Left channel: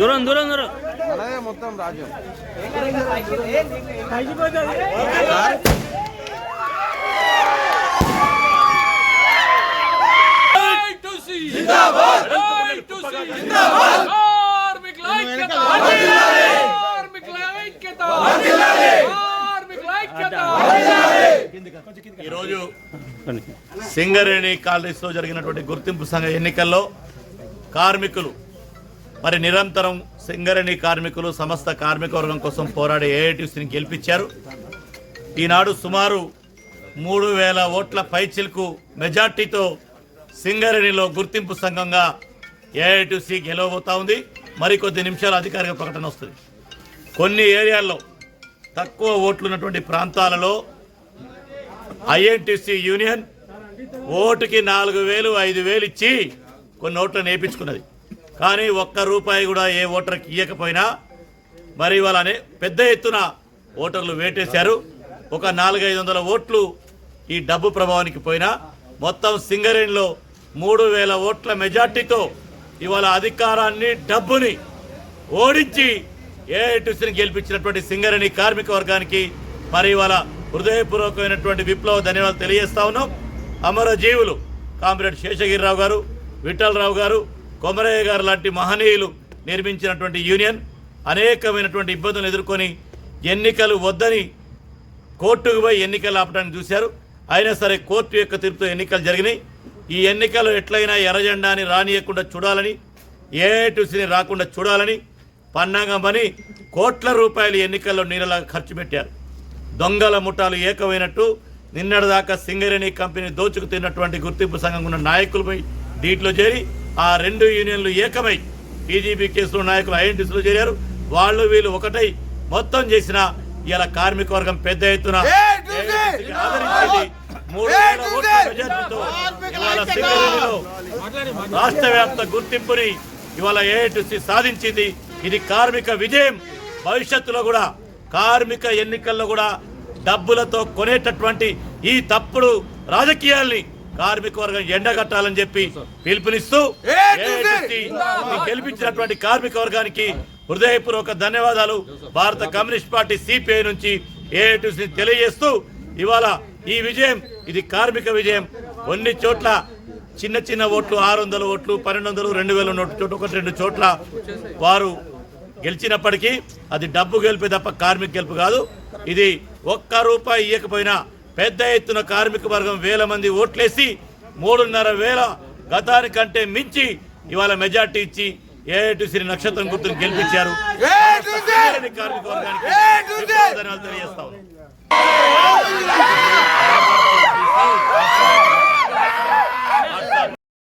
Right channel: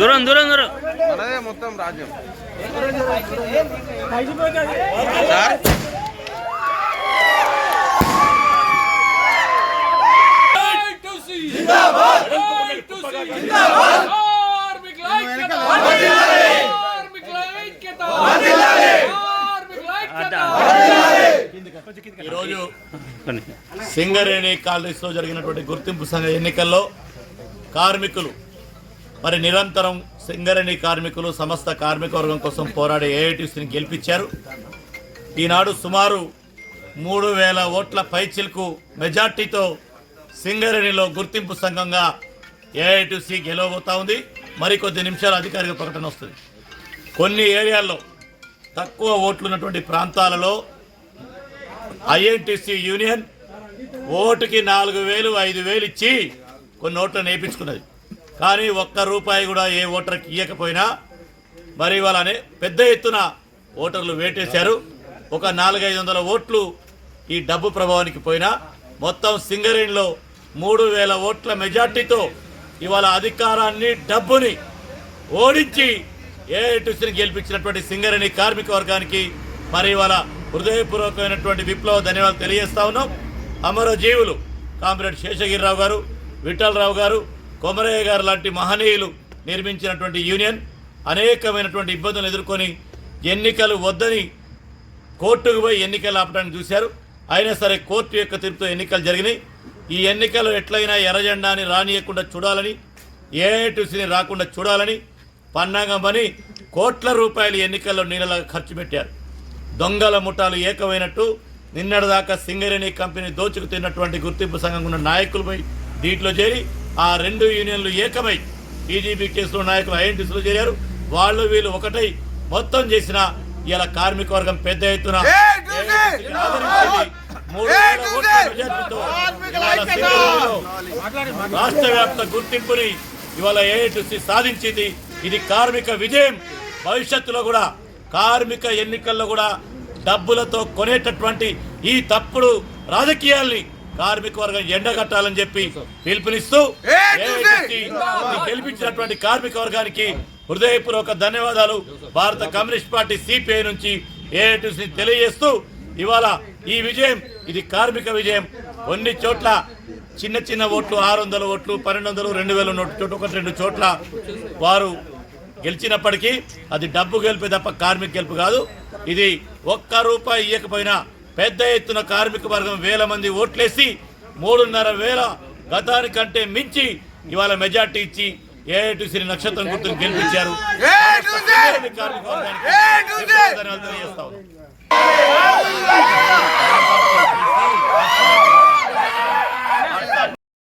దూరం దూరం దూరం మొత్తం రాజ్యం ఈరోజు సింగరేణి కాలేజ్లో జరిగినటువంటి గుర్తింపు సంఘ ఎన్నికల్లో కార్మికులు మరి నిరంతరం సింగరణి కార్మికులు సమస్త కార్మికవర్గం కోసం పోరాడే ఏఐటీసీని గెలిపించారు ఈనాడు సుమారు మూడు వేల ఓట్ల పైచిల్కు మెజార్టీతో సింగరేణిలో గుర్తింపు సంఘంగా ఏఐటీసీ గెలవబోతా ఉంది మరికొద్ది నిమిషాలు అధికారిక ప్రకటన వస్తుంది కొన్ని ఏరియాల్లో తక్కువ ఓట్లు ఉన్నటువంటి ప్రాంతాలలో ఐఎన్టీసీ యూనియన్ ఓటుకి నాలుగు వేలు ఐదు వేలు ఇచ్చి కొన్ని ఓట్లను వేయించుకున్నది కానీ ఒక్క రూపాయి కూడా ఏ ఓటర్కి ఇవ్వకపోయినా మరి వాళ్ళని పెద్ద ఎత్తున ఓటర్లు వేటేశారు ఒక నాలుగైదు వందల ఓట్లు ఈ డబ్బు ప్రభావానికి పోయినా మొత్తం సింగరేణిలో మూడు వేల ఓట్ల మెజార్టీతో ఇవాళ అధికారాన్ని డబ్బుని ఓడించి ఏఐటిసిని గెలిపించినటువంటి సింగరేణి కార్మిక వర్గానికి మరి ఇవాళ హృదయపూర్వకమైనటువంటి విప్లవ ధన్యవాదాలు తెలియజేస్తా ఉన్నాం అమరజీవులు కామ్రేడ్ శేషగిరిరావు గారు విఠలరావు గారు కొమరయ్య గారు లాంటి మహనీయులు నిర్మించినటువంటి యూనియన్ అనేకమైనటువంటి ఇబ్బందులు ఎదుర్కొని ఎన్నికలు వద్దని కోర్టుకు పోయి ఎన్నికలు ఆపడానికి చూశారు అయినా సరే కోర్టు యొక్క తీర్పుతో ఎన్నికలు జరిగినాయి ఈ ఎన్నికలు ఎట్లయినా ఎర్రజెండాని రానియకుండా చూడాలని ఏటీసీని రాకుండా చూడాలని పన్నాగమని కోట్ల రూపాయలు ఎన్నికల్లో నీళ్ళ ఖర్చు పెట్టారు దొంగల ముఠాలు ఏకమైనట్టు నిన్నటిదాకా సింగరేణి కంపెనీ దోచుకు తిన్నటువంటి గుర్తింపు సంఘం ఉన్న నాయకులపై దీంట్లో చేరి ఆ రెండు యూనియన్లు ఏకమై టీజీబీ కేసులో నాయకులు ఐఎన్టీసీలో చేరారు వాళ్ళు వీళ్ళు ఒకటై మొత్తం చేసిన ఇలా కార్మిక వర్గం పెద్ద ఎత్తున ఆదరించింది మూడు వేల ఓట్ల ఇవాళ రాష్ట్ర వ్యాప్త గుర్తింపుని ఇవాళ ఏఐటీసీ సాధించింది ఇది కార్మిక విజయం భవిష్యత్తులో కూడా కార్మిక ఎన్నికల్లో కూడా డబ్బులతో కొనేటటువంటి ఈ తప్పుడు రాజకీయాల్ని కార్మిక వర్గం ఎండ కట్టాలని చెప్పి పిలుపునిస్తూ గెలిపించినటువంటి కార్మిక వర్గానికి హృదయపూర్వక ధన్యవాదాలు భారత కమ్యూనిస్ట్ పార్టీ సిపిఐ నుంచి ఏఐటిసి తెలియజేస్తూ ఇవాళ ఈ విజయం ఇది కార్మిక విజయం కొన్ని చోట్ల చిన్న చిన్న ఓట్లు ఆరు వందల ఓట్లు పన్నెండు వందలు రెండు వేల చోట ఒకటి రెండు చోట్ల వారు గెలిచినప్పటికీ అది డబ్బు గెలిపే తప్ప కార్మిక గెలుపు కాదు ఇది ఒక్క రూపాయి ఇవ్వకపోయినా పెద్ద ఎత్తున కార్మిక వర్గం వేల మంది ఓట్లేసి మూడున్నర వేల గతానికంటే మించి ఇవాళ మెజార్టీ ఇచ్చి ఏటుసిరి నక్షత్రం గుర్తును గెలిపించారు కార్మిక వర్గానికి తెలియజేస్తా